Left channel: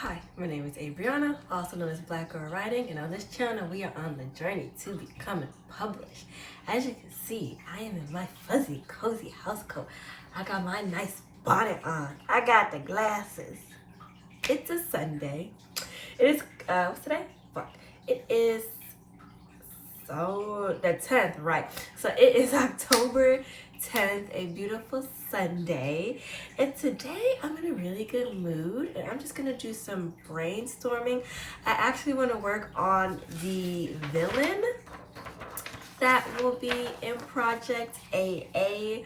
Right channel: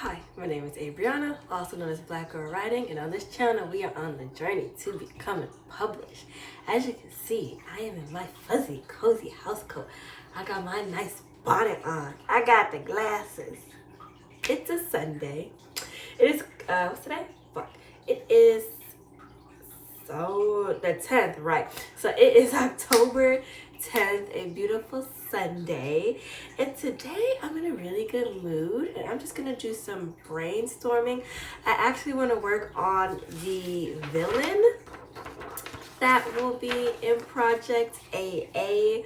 Hi, my name is Brianna, also known as Blckgrlwriting, and on this channel we are on the journey to becoming published. As you can see, I am in my fuzzy, cozy house coat. I got my nice bonnet on. I got the glasses. It's a Sunday. It is, what's today? Fuck. It is, the 10th, right. So it is October 10th, a beautiful Sunday, and today I'm in a really good mood and I'm just gonna do some brainstorming. I actually want to work on the villain that will be in Project AA.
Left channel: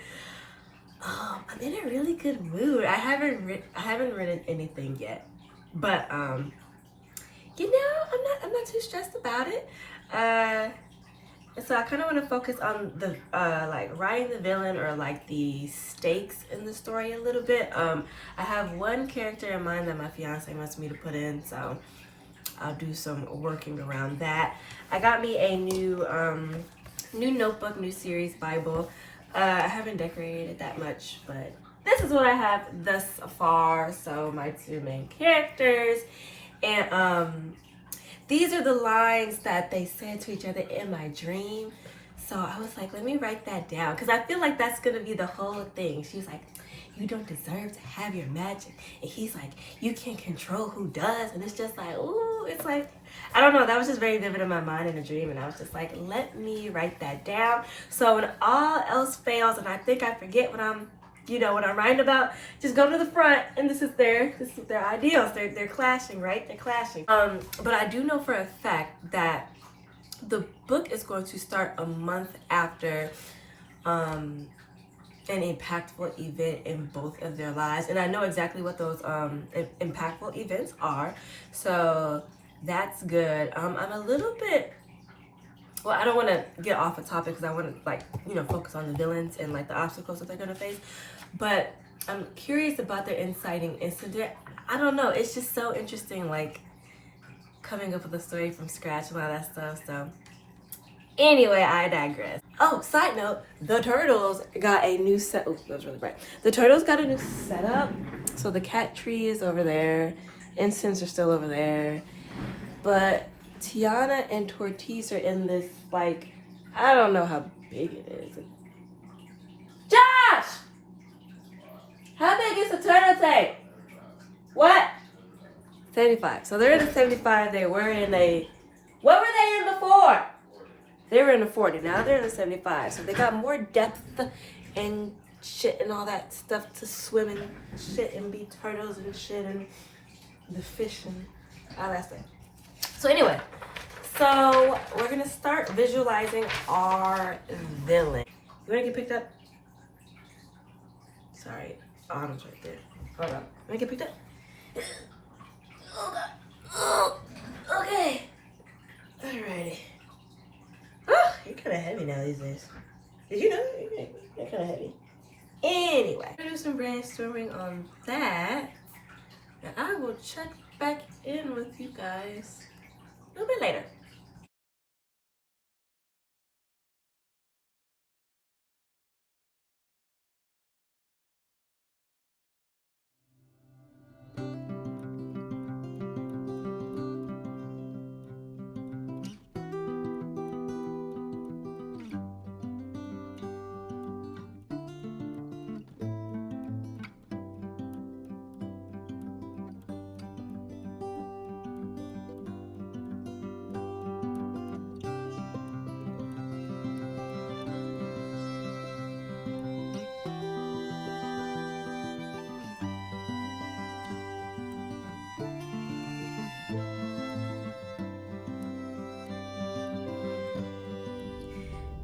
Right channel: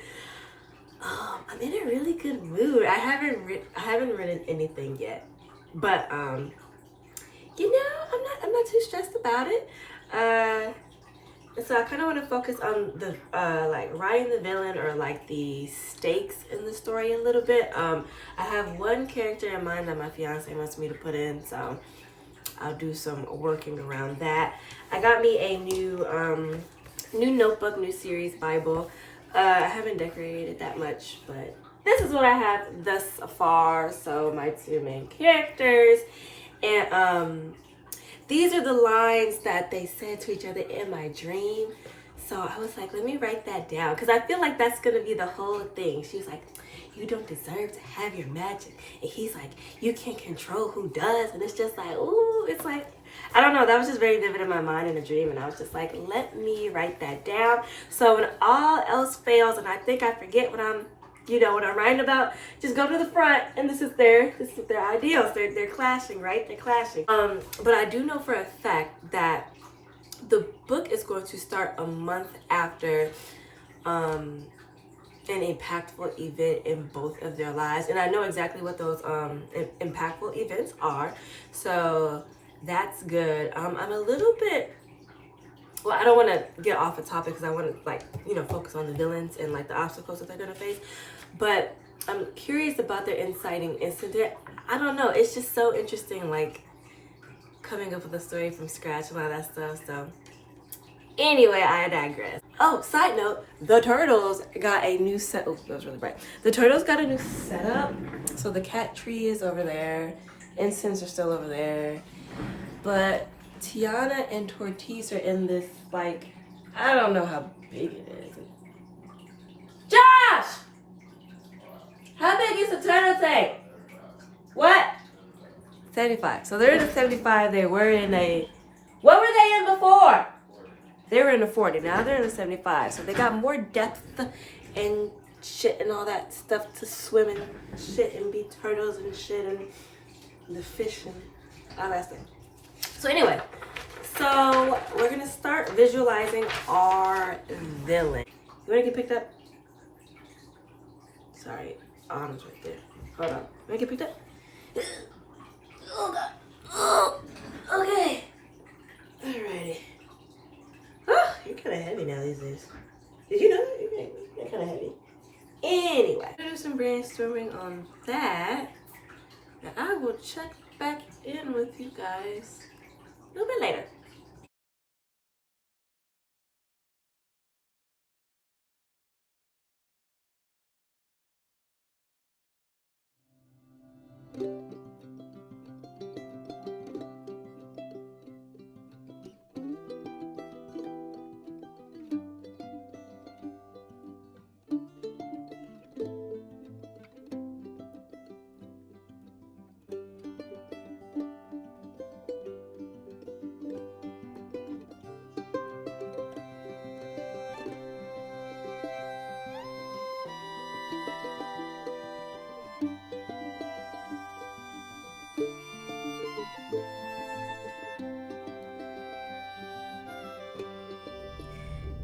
I'm in a really good mood. I haven't written anything yet, but you know, I'm not too stressed about it. So I kind of want to focus on the like writing the villain, or like the stakes in the story a little bit. I have one character in mind that my fiance wants me to put in, so I'll do some working around that. I got me a new notebook, new series Bible. I haven't decorated that much, but this is what I have thus far. So my two main characters, and these are the lines that they said to each other in my dream. So I was like, let me write that down, because I feel like that's going to be the whole thing. She was like, you don't deserve to have your magic. And he's like, you can't control who does. And it's just like, ooh, it's like, I don't know. That was just very vivid in my mind in a dream. And I was just like, let me write that down. So when all else fails and I think I forget what I'm writing about, just go to the front, and this is their ideals. They're clashing, right? They're clashing. But I do know for a fact that the book is going to start a month after an impactful event in both of their lives, and I know exactly what those impactful events are. So that's good. I'm a little bit, well, I don't want to get off a topic because I want to focus on the villains and like the obstacles that they're going to face. But I'm curious about their inciting incident. I don't know. It's just so interesting, like coming up with a story from scratch and all that stuff. So anyway, I digress. Oh, side note, the turtles got a new set. Oh, that was really bright. The turtles got a new setup. So the cat tree is over there. Incense are still over there. But Tiana and Tortiz are in this, like, I don't know how big it is. Josh! How big is the turtle thing? What? 75. So they're in a 75. They were in a, what were they in before? They were in a 40. Now they're in a 75. So they got more depth and shit and all that stuff to swim and shit and be turtles and shit and the fish and all that stuff. So anyway, so we're gonna start visualizing our villain. You wanna get picked up? Sorry, Autumn's right there. Hold on. Wanna get picked up? Oh god. Oh, okay. Alrighty. Oh, you're kind of heavy now these days. Did you know you're kind of heavy? Anyway, I'm gonna do some brainstorming on that, and I will check back in with you guys a little bit later.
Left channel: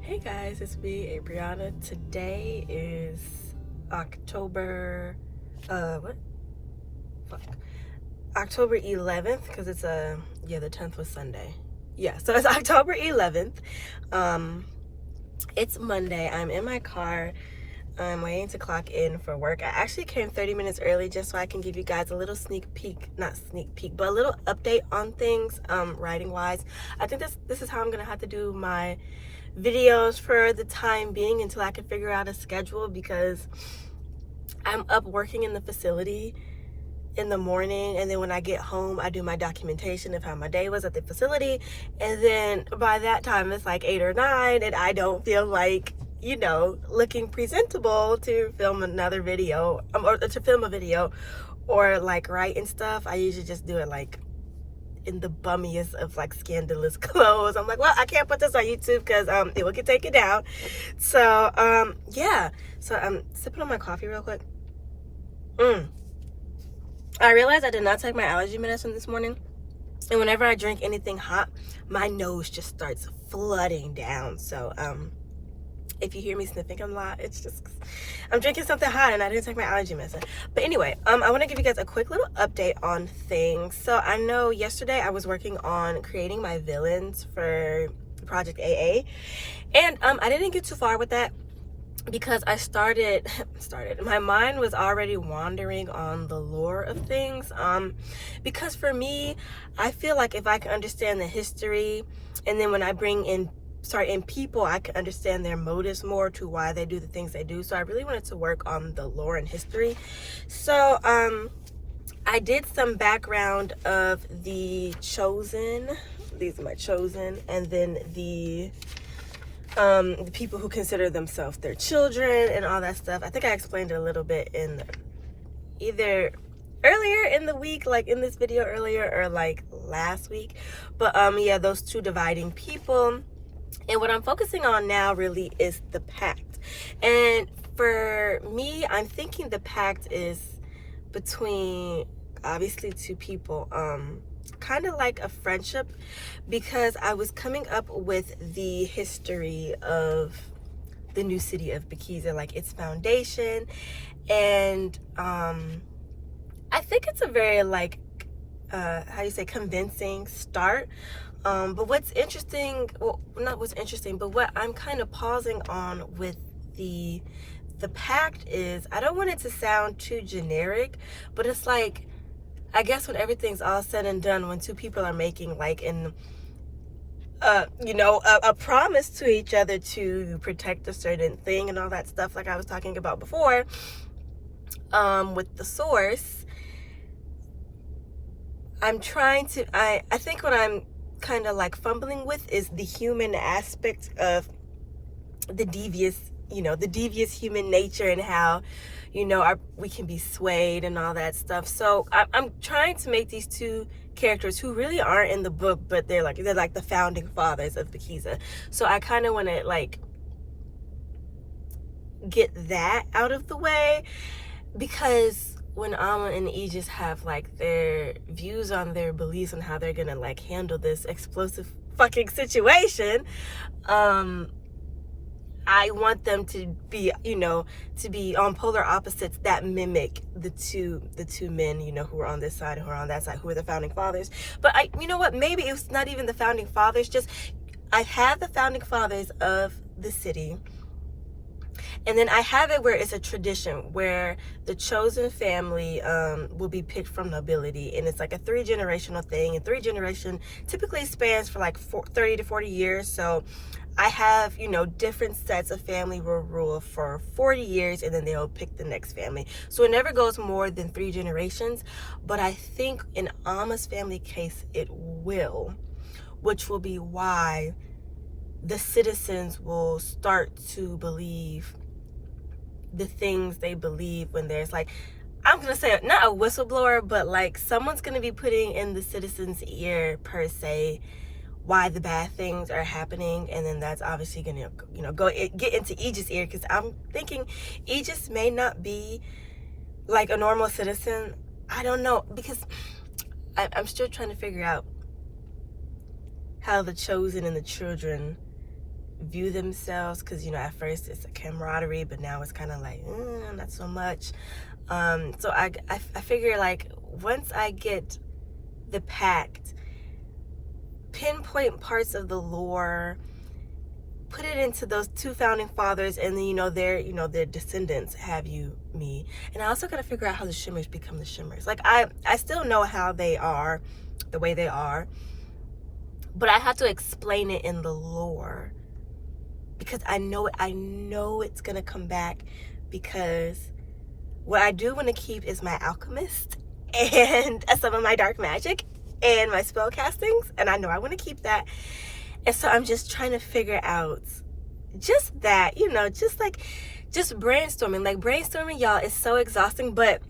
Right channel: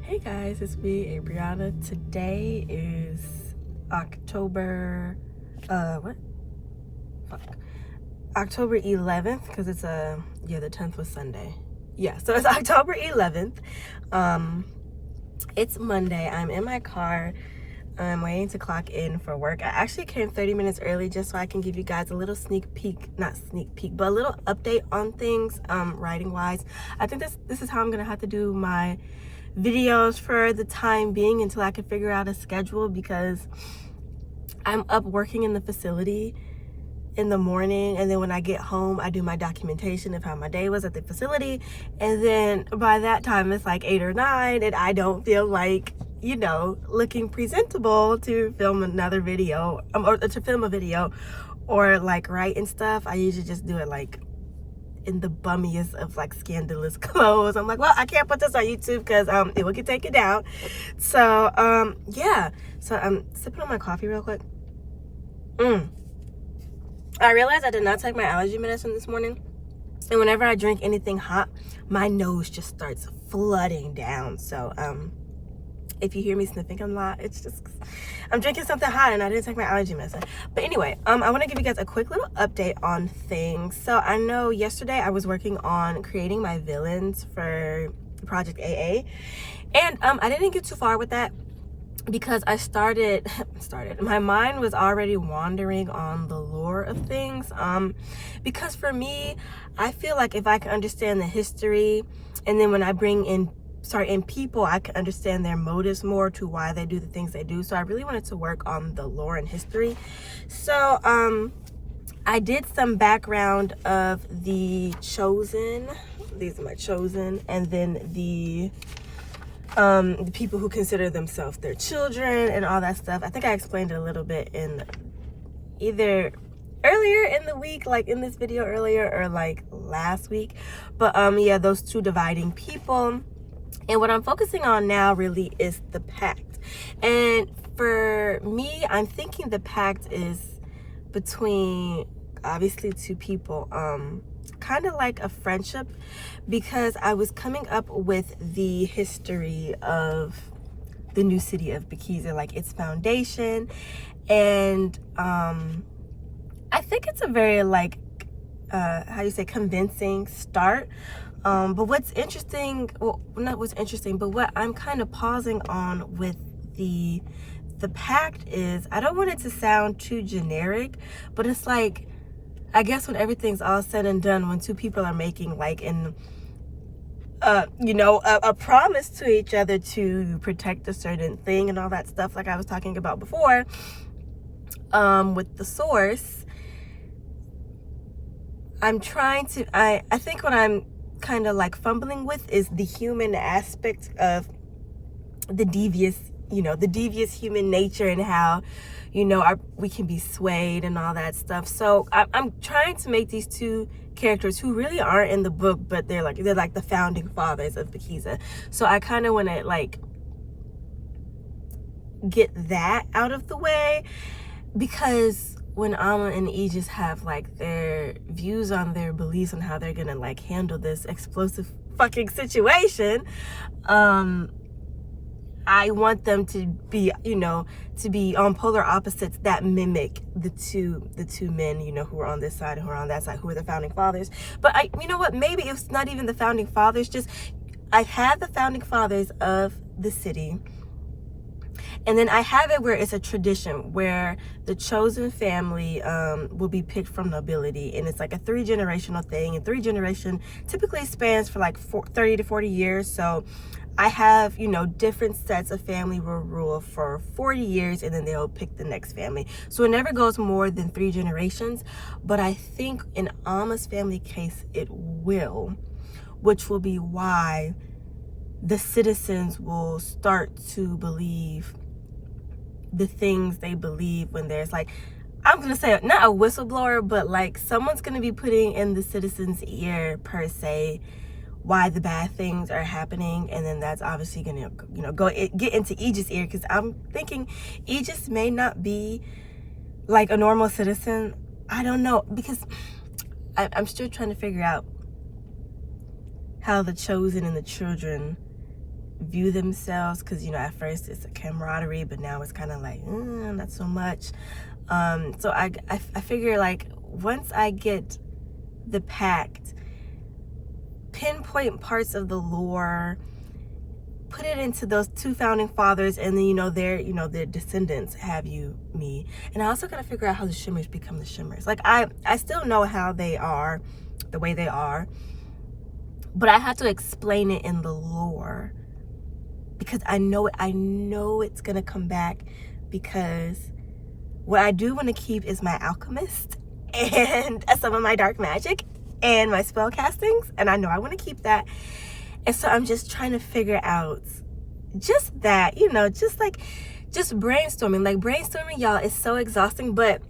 Hey guys, it's me, Brianna. Today is October, October 11th, because it's the 10th was Sunday. Yeah, so it's October 11th. It's Monday. I'm in my car. I'm waiting to clock in for work. I actually came 30 minutes early just so I can give you guys a little sneak peek, not sneak peek, but a little update on things, writing wise. I think this is how I'm gonna have to do my videos for the time being until I can figure out a schedule, because I'm up working in the facility in the morning, and then when I get home I do my documentation of how my day was at the facility, and then by that time it's like 8 or 9 and I don't feel like, you know, looking presentable to film another video, or to film a video or like write and stuff. I usually just do it like in the bummiest of like scandalous clothes. I'm like, well, I can't put this on YouTube because it will get taken down. So yeah, so I'm sipping on my coffee real quick. I realized I did not take my allergy medicine this morning, and whenever I drink anything hot, my nose just starts flooding down. So if you hear me sniffing a lot, it's just I'm drinking something hot and I didn't take my allergy medicine. But anyway, I want to give you guys a quick little update on things. So I know yesterday I was working on creating my villains for Project AA, and I didn't get too far with that because I started my mind was already wandering on the lore of things, because for me, I feel like if I can understand the history, and then when I bring in people, I can understand their motives more to why they do the things they do. So I really wanted to work on the lore and history. So I did some background of the Chosen. These are my Chosen, and then the people who consider themselves their children and all that stuff. I think I explained it a little bit in either earlier in the week, like in this video earlier, or like last week. But yeah, those two dividing people. And what I'm focusing on now really is the pact. And for me, I'm thinking the pact is between obviously two people, kind of like a friendship, because I was coming up with the history of the new city of Blckgrlwriting, like its foundation. And I think it's a very like how do you say, convincing start. But what's interesting, well, not what's interesting, but what I'm kind of pausing on with the pact is, I don't want it to sound too generic, but it's like, I guess when everything's all said and done, when two people are making like an you know, a promise to each other to protect a certain thing and all that stuff, like I was talking about before, with the source, I'm trying to, I think what I'm kind of like fumbling with is the human aspect of the devious, you know, the devious human nature, and how, you know, we can be swayed and all that stuff. So I'm trying to make these two characters who really aren't in the book, but they're like the founding fathers of Blckgrlwriting. So I kind of want to like get that out of the way, because when Amma and Aegis have like their views on their beliefs on how they're gonna like handle this explosive fucking situation, I want them to be, you know, to be on polar opposites that mimic the two men, you know, who are on this side and who are on that side, who are the founding fathers. But you know what, maybe it's not even the founding fathers, just I have the founding fathers of the city, and then I have it where it's a tradition where the chosen family will be picked from nobility, and it's like a 3-generational thing, and 3 generation typically spans for like 30 to 40 years. So I have, you know, different sets of family will rule for 40 years, and then they'll pick the next family. So it never goes more than 3 generations, but I think in Amma's family case it will, which will be why the citizens will start to believe the things they believe when there's like, I'm gonna say not a whistleblower, but like someone's gonna be putting in the citizen's ear per se why the bad things are happening, and then that's obviously gonna, you know, get into Aegis' ear, because I'm thinking Aegis may not be like a normal citizen. I don't know, because I'm still trying to figure out how the chosen and the children view themselves, because, you know, at first it's a camaraderie, but now it's kind of like not so much. So I figure like once I get the pact, pinpoint parts of the lore, put it into those 2 founding fathers, and then, you know, their descendants, have me. And I also gotta figure out how the Shimmers become the Shimmers. Like I still know how they are the way they are, but I have to explain it in the lore, because I know it's gonna come back, because what I do want to keep is my alchemist, and some of my dark magic and my spell castings, and I know I want to keep that. And so I'm just trying to figure out just that, you know, just brainstorming. Like, brainstorming, y'all, is so exhausting, but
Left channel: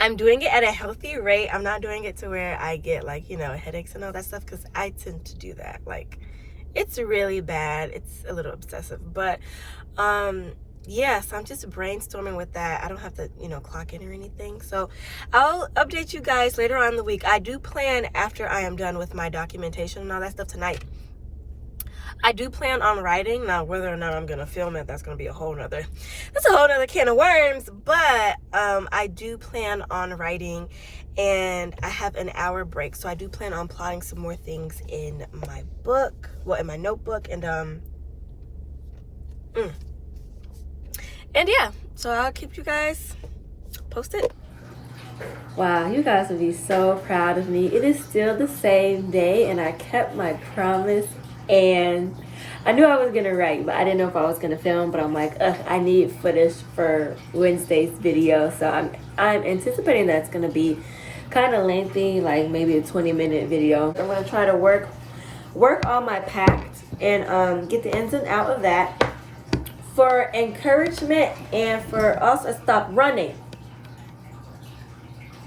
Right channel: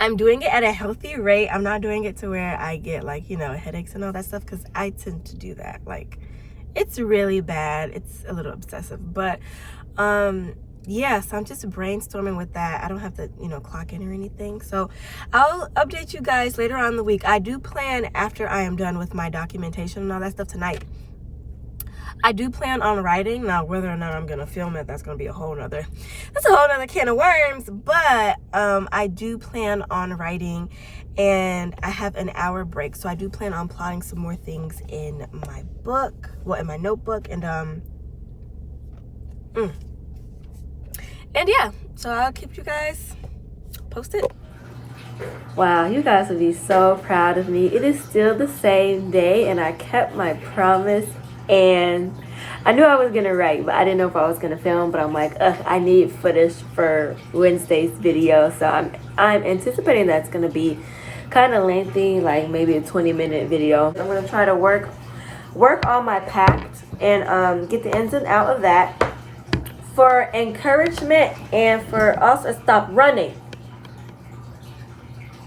I'm doing it at a healthy rate. I'm not doing it to where I get, like, you know, headaches and all that stuff, because I tend to do that. Like, it's really bad. It's a little obsessive, but yeah, so I'm just brainstorming with that. I don't have to, you know, clock in or anything. So I'll update you guys later on in the week. I do plan, after I am done with my documentation and all that stuff tonight, I do plan on writing. Now, whether or not I'm gonna film it, that's a whole nother can of worms. But I do plan on writing, and I have an hour break, so I do plan on plotting some more things in my book, well, in my notebook, and yeah, so I'll keep you guys posted. Wow, you guys would be so proud of me. It is still the same day, and I kept my promise. And I knew I was gonna write, but I didn't know if I was gonna film. But I'm like, ugh, I need footage for Wednesday's video, so I'm anticipating that's gonna be kind of lengthy, like maybe a 20-minute video. I'm gonna try to work on my pact and get the ins and out of that for encouragement, and for also stop running.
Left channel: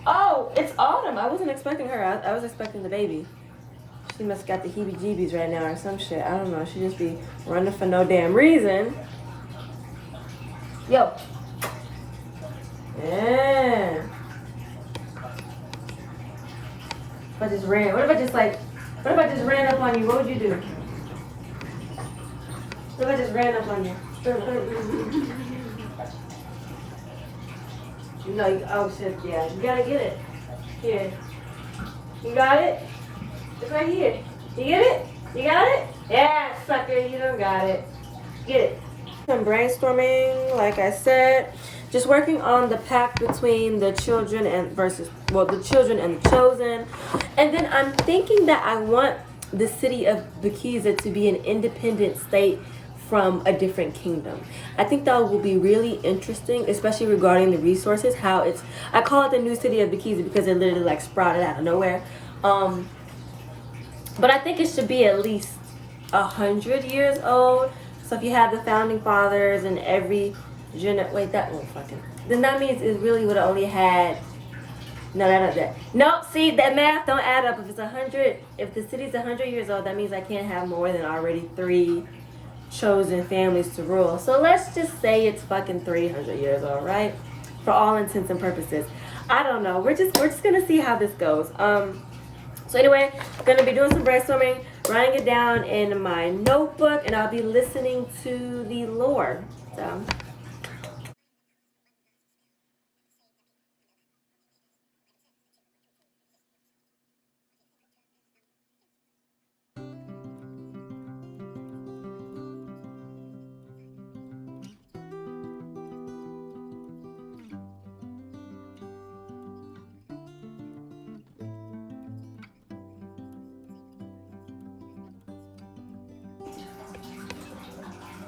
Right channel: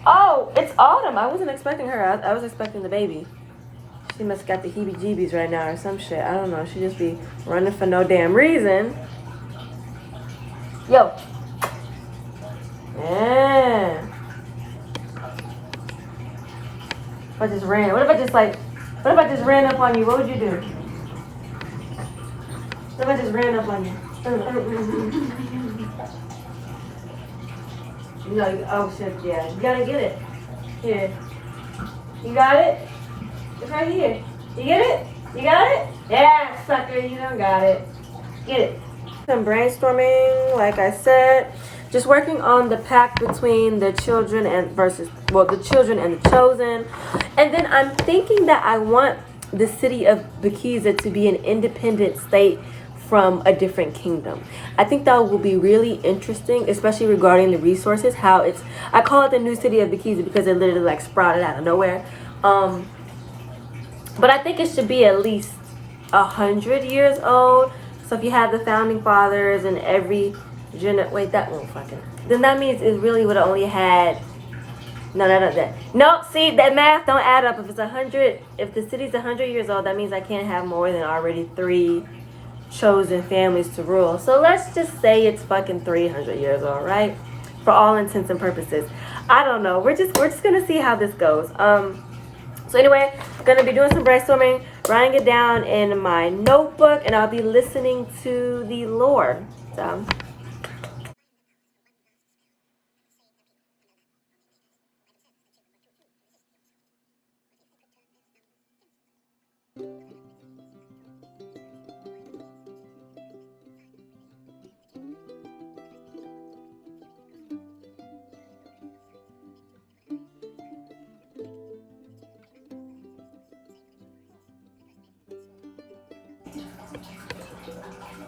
Oh, it's Autumn. I wasn't expecting her. I was expecting the baby. She must got the heebie-jeebies right now or some shit. I don't know. She just be running for no damn reason. Yo. Yeah. If I just ran. What if I just ran up on you? What would you do? What if I just ran up on you? No, oh shit, yeah. You gotta get it. Here. You got it? It's right here. You get it? You got it? Yeah, sucker, you don't got it. Get it. I'm brainstorming, like I said, just working on the pact between the children and the children and the chosen. And then I'm thinking that I want the city of Blckgrlwriting to be an independent state from a different kingdom. I think that will be really interesting, especially regarding the resources, I call it the new city of Blckgrlwriting because it literally like sprouted out of nowhere. But I think it should be at least 100 years old. So if you have the founding fathers and every wait, that won't fucking. Then that means it really would have only had. No, see, that math don't add up. If it's 100, if the city's 100 years old, that means I can't have more than already 3 chosen families to rule. So let's just say it's fucking 300 years old, right? For all intents and purposes. I don't know. We're just gonna see how this goes. So anyway, I'm going to be doing some brainstorming, writing it down in my notebook, and I'll be listening to the Lord. So.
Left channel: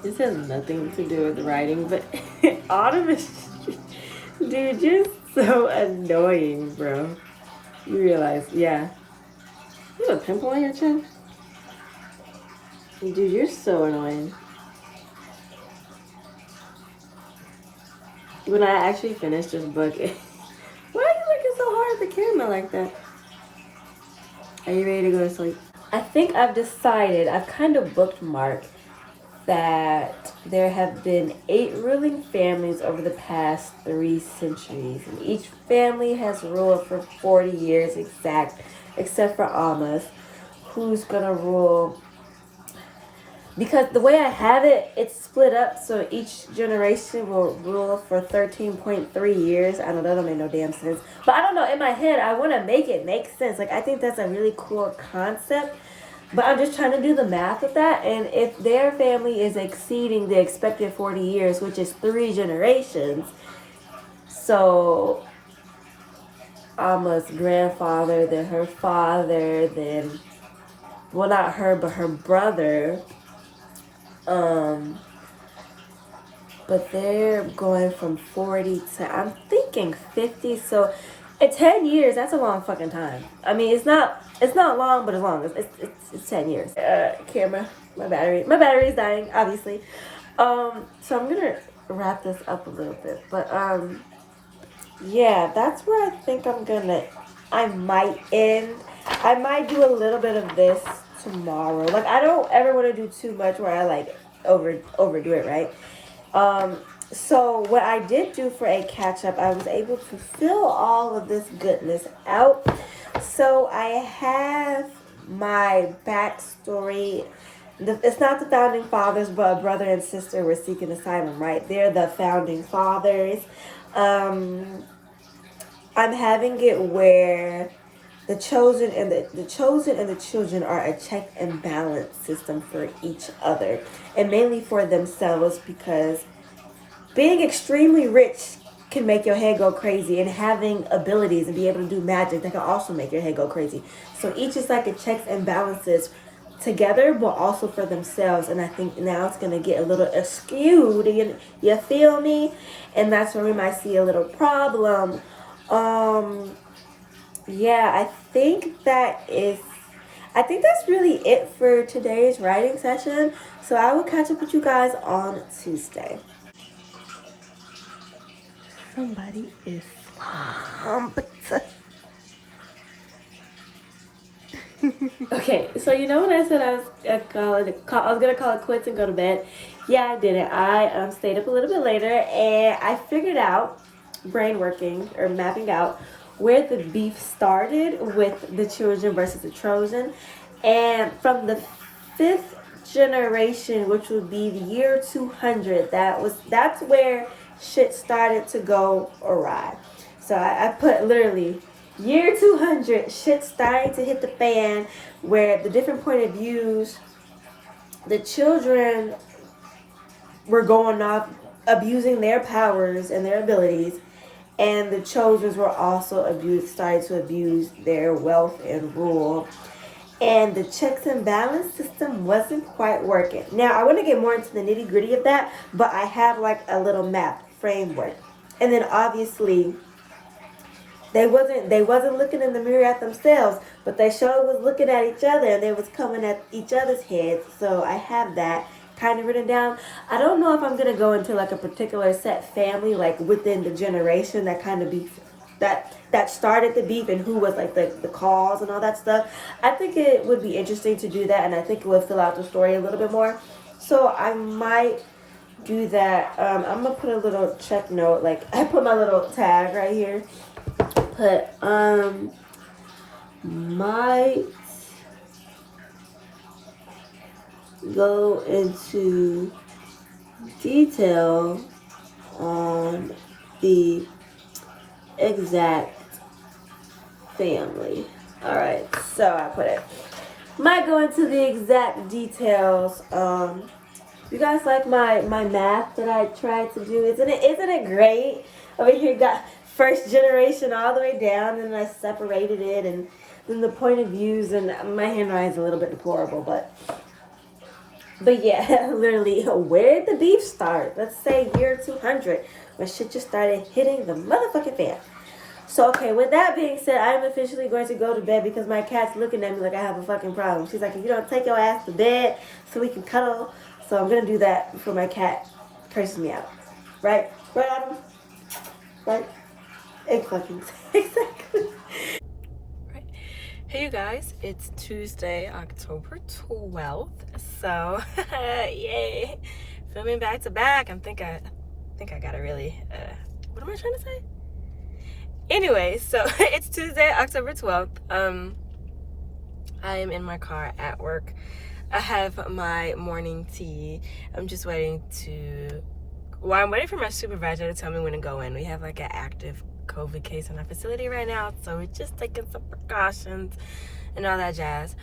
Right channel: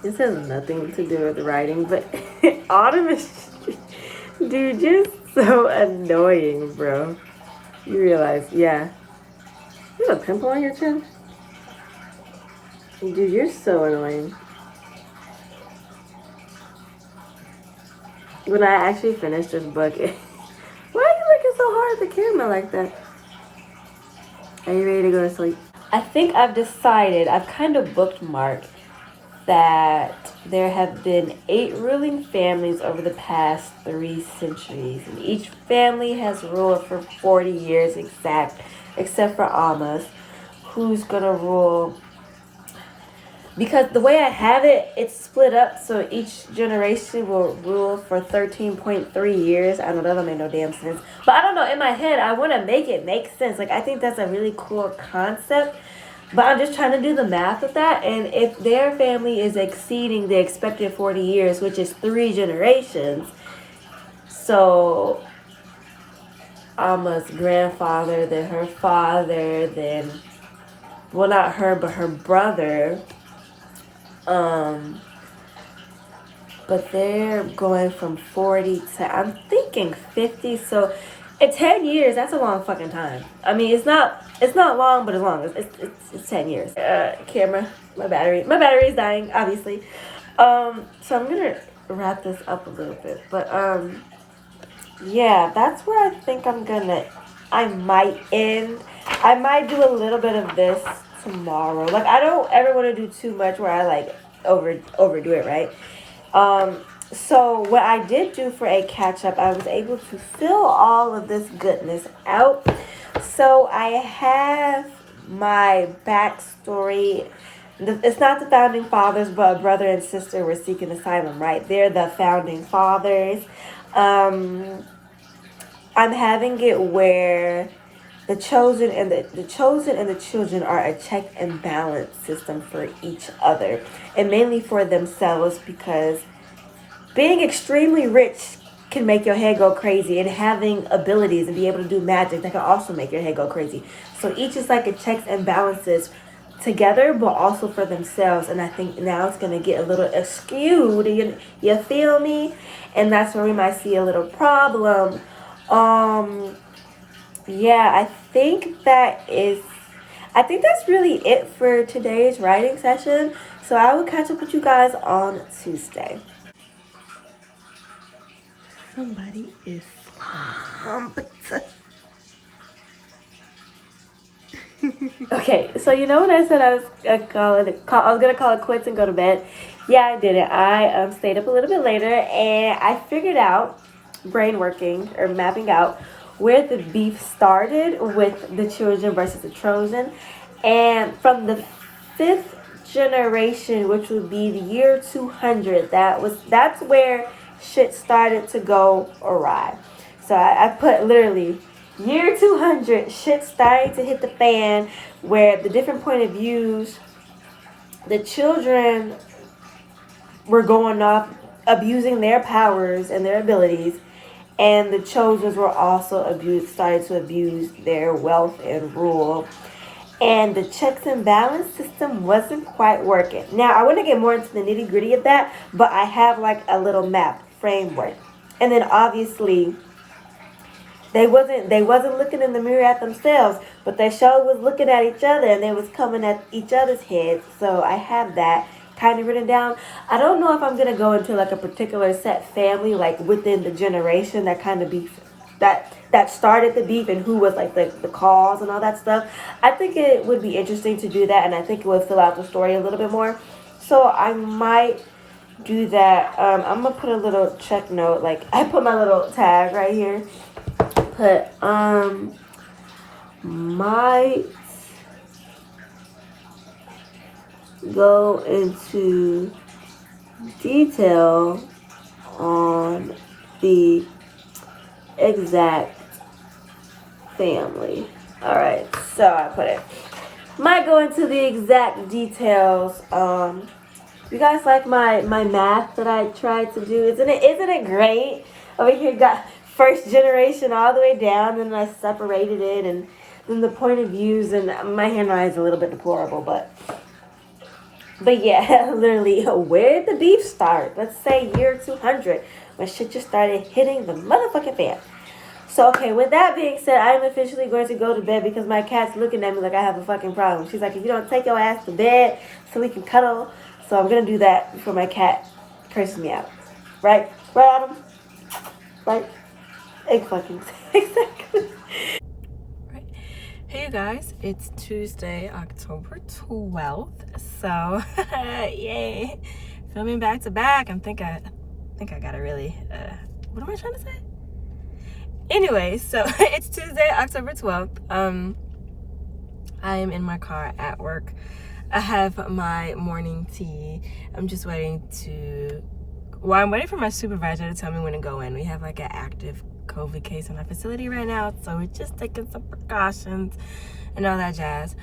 This has nothing to do with writing, but Autumn is, dude, just so annoying, bro. You realize, yeah. You have a pimple on your chin? Dude, you're so annoying. When I actually finish this book, why are you looking so hard at the camera like that? Are you ready to go to sleep? I think I've decided, I've kind of bookmarked that there have been 8 ruling families over the past 3 centuries, and each family has ruled for 40 years exact, except for Alma's, who's gonna rule, because the way I have it, it's split up, so each generation will rule for 13.3 years. I know that don't make no damn sense, but I don't know, in my head I want to make it make sense. Like, I think that's a really cool concept. But I'm just trying to do the math with that. And if their family is exceeding the expected 40 years, which is 3 generations, so Alma's grandfather, then her father, then, well, not her, but her brother, but they're going from 40 to, I'm thinking 50. So At 10 years, that's a long fucking time. I mean, it's not long, but it's long. It's 10 years. Camera, my battery is dying, obviously. So I'm gonna wrap this up a little bit, but yeah, that's where I think I might end. I might do a little bit of this tomorrow. Like, I don't ever want to do too much where I like overdo it, right? So what I did do for a catch up, I was able to fill all of this goodness out. So I have my backstory. It's not the founding fathers, but a brother and sister were seeking asylum, right? They're the founding fathers. I'm having it where the chosen and the chosen and the children are a check and balance system for each other, and mainly for themselves, because being extremely rich can make your head go crazy, and having abilities and be able to do magic, that can also make your head go crazy. So each is like a checks and balances together, but also for themselves. And I think now it's going to get a little skewed. You feel me? And that's where we might see a little problem. Yeah, I think that's really it for today's writing session. So I will catch up with you guys on Tuesday. Somebody is Okay, so you know when I said I was gonna call it quits and go to bed? Yeah, I did it. I stayed up a little bit later, and I figured out, brain working or mapping out, where the beef started with the children versus the Trojan, and from the fifth generation, which would be the year 200, that's where shit started to go awry. So I put literally year 200, shit starting to hit the fan, where the different point of views, the children were going off, abusing their powers and their abilities, and the chosen were also started to abuse their wealth and rule. And the checks and balance system wasn't quite working. Now, I want to get more into the nitty gritty of that, but I have like a little map framework. And then obviously, they wasn't looking in the mirror at themselves, but they sure was looking at each other, and they was coming at each other's heads. So I have that kind of written down. I don't know if I'm gonna go into like a particular set family, like within the generation that kind of beef that started the beef, and who was like the cause and all that stuff. I think it would be interesting to do that, and I think it would fill out the story a little bit more. So I might do that. I'm gonna put a little check note, like I put my little tag right here. Put might go into detail on the exact family. All right, so I put it. Might go into the exact details. You guys like my math that I tried to do? Isn't it great? Over here got first generation all the way down, and I separated it, and then the point of views, and my handwriting is a little bit deplorable, but yeah, literally, where did the beef start? Let's say year 200, when shit just started hitting the motherfucking fan. So, okay, with that being said, I'm officially going to go to bed because my cat's looking at me like I have a fucking problem. She's like, if you don't take your ass to bed so we can cuddle. So I'm going to do that before my cat curses me out. Right? Right, Adam? Right? Exactly. Right. Hey, you guys. It's Tuesday, October 12th. So, yay. Filming back to back. I think I gotta really, what am I trying to say? Anyway, so it's Tuesday, October 12th. I am in my car at work. I have my morning tea. I'm just waiting I'm waiting for my supervisor to tell me when to go in. We have like an active COVID case in our facility right now, so we're just taking some precautions and all that jazz.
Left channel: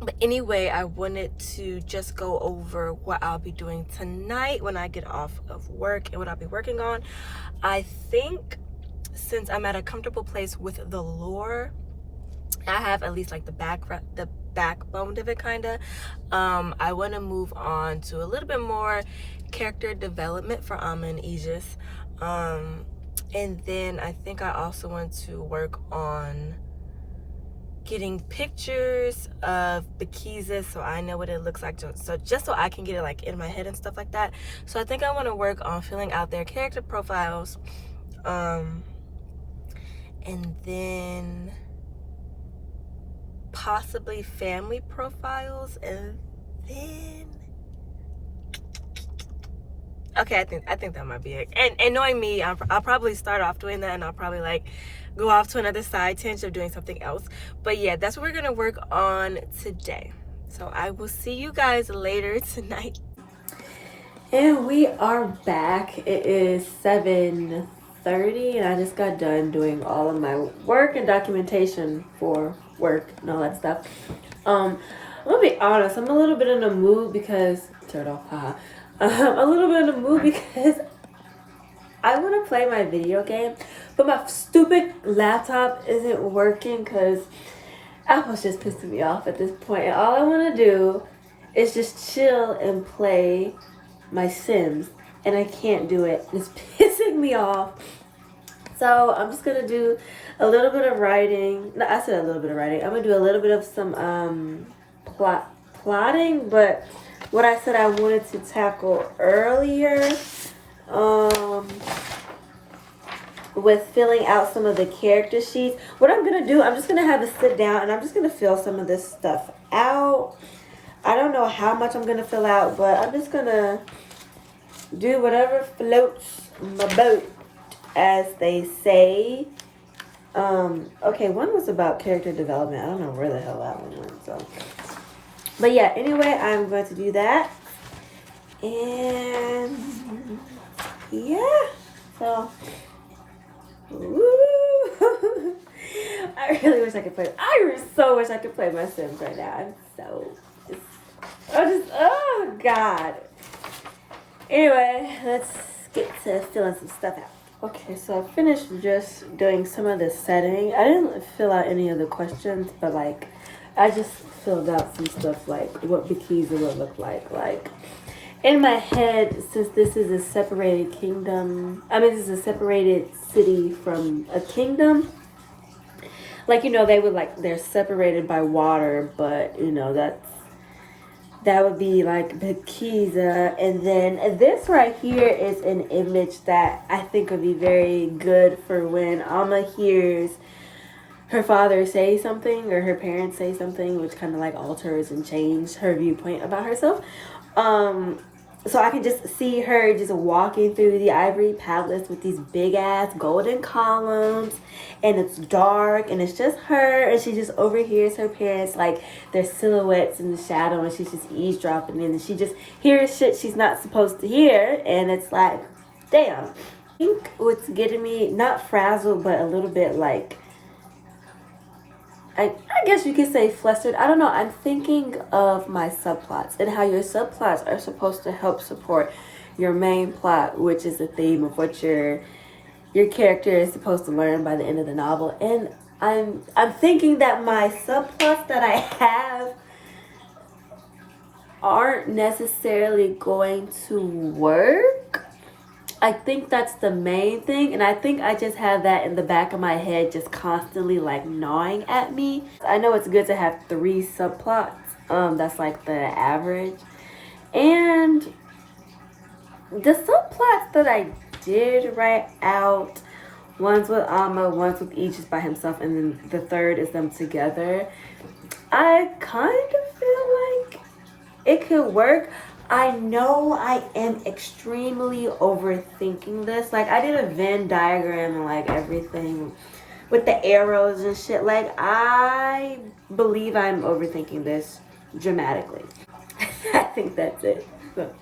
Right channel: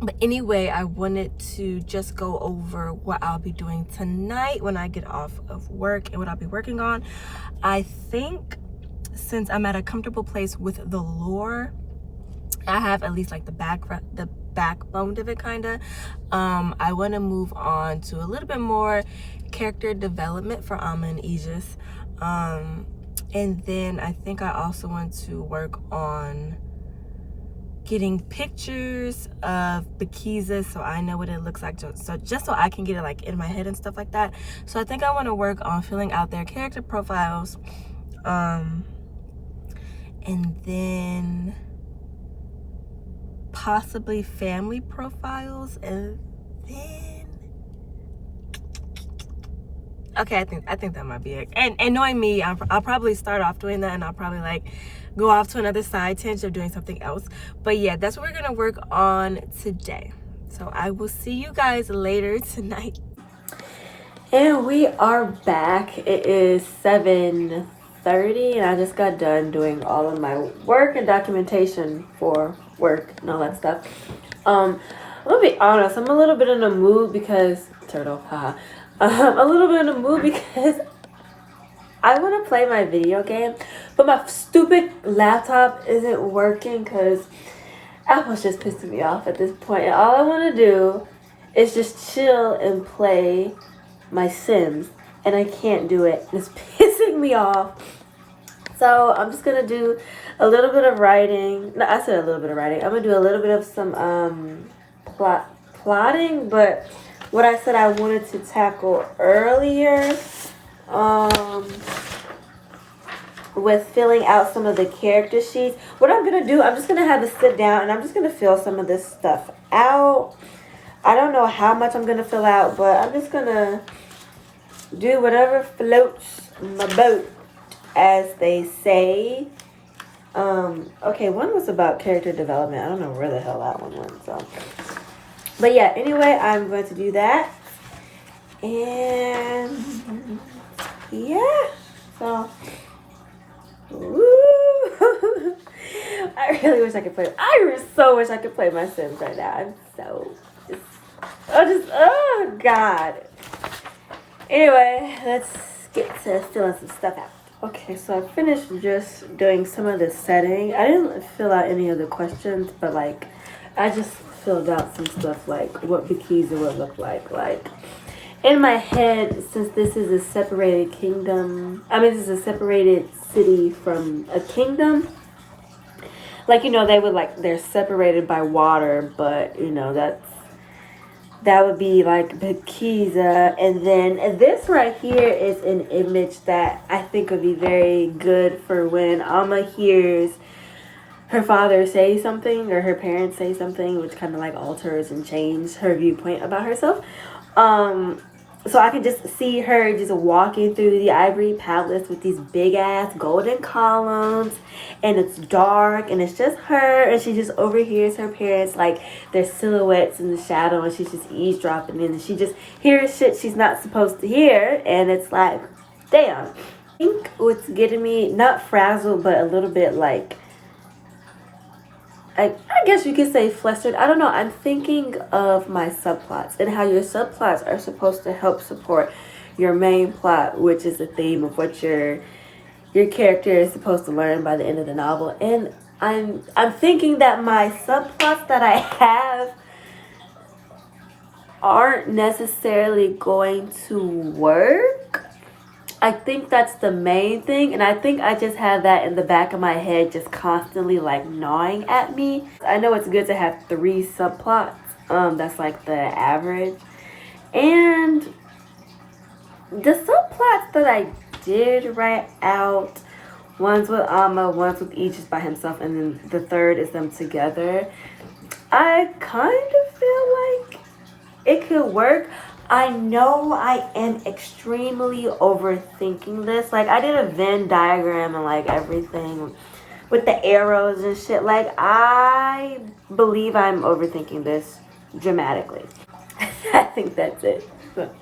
But anyway, I wanted to just go over what I'll be doing tonight when I get off of work and what I'll be working on. I think since I'm at a comfortable place with the lore, I have at least like the backbone of it, kind of. I want to move on to a little bit more character development for Amma and Aegis. And then I think I also want to work on getting pictures of Blckgrlwriting so I know what it looks like, so just so I can get it like in my head and stuff like that. So I think I want to work on filling out their character profiles, and then possibly family profiles, and then okay, I think that might be it. And knowing me, I'll probably start off doing that, and I'll probably like go off to another side tangent of doing something else. But yeah, that's what we're gonna work on today. So I will see you guys later tonight. And we are back. It is 7:30, and I just got done doing all of my work and documentation for work and all that stuff. I'm gonna be honest, I'm a little bit in a mood because turtle, haha. A little bit in a mood because I want to play my video game, but my stupid laptop isn't working because Apple's just pissing me off at this point. And all I want to do is just chill and play my Sims, and I can't do it. It's pissing me off. So I'm just gonna do a little bit of writing. No, I said a little bit of writing. I'm gonna do a little bit of some plotting, but what I said I wanted to tackle earlier, with filling out some of the character sheets. What I'm gonna do, I'm just gonna have a sit down and I'm just gonna fill some of this stuff out. I don't know how much I'm gonna fill out, but I'm just gonna do whatever floats my boat, as they say. Okay, one was about character development. I don't know where the hell that one went, so. But yeah, anyway, I'm going to do that. And yeah, so woo. I really wish I could play. I so wish I could play my Sims right now. I'm so oh God. Anyway, let's get to filling some stuff out. Okay, so I finished just doing some of the setting. I didn't fill out any of the questions, but like I just filled out some stuff like what Blckgrlwriting would look like. Like in my head, since this is a separated kingdom, this is a separated city from a kingdom. Like, you know, they're separated by water, but you know, that would be like Blckgrlwriting. And then this right here is an image that I think would be very good for when Alma hears her father say something or her parents say something, which kind of like alters and changes her viewpoint about herself. So I can just see her just walking through the ivory palace with these big ass golden columns, and it's dark and it's just her, and she just overhears her parents, like their silhouettes in the shadow, and she's just eavesdropping in, and she just hears shit she's not supposed to hear, and it's like, damn. I think what's getting me, not frazzled, but a little bit like, I guess you could say flustered. I don't know. I'm thinking of my subplots and how your subplots are supposed to help support your main plot, which is the theme of what your character is supposed to learn by the end of the novel. And I'm thinking that my subplots that I have aren't necessarily going to work. I think that's the main thing, and I think I just have that in the back of my head just constantly like gnawing at me. I know it's good to have 3 subplots. That's like the average. And the subplots that I did write out, one's with Alma, one's with each is by himself, and then the third is them together. I kind of feel like it could work. I know I am extremely overthinking this. Like, I did a Venn diagram and like everything with the arrows and shit. Like, I believe I'm overthinking this dramatically. I think that's it. So,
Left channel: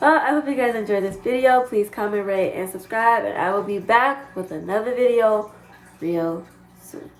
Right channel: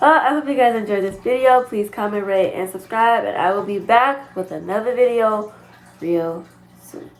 I hope you guys enjoyed this video. Please comment, rate, and subscribe. And I will be back with another video real soon.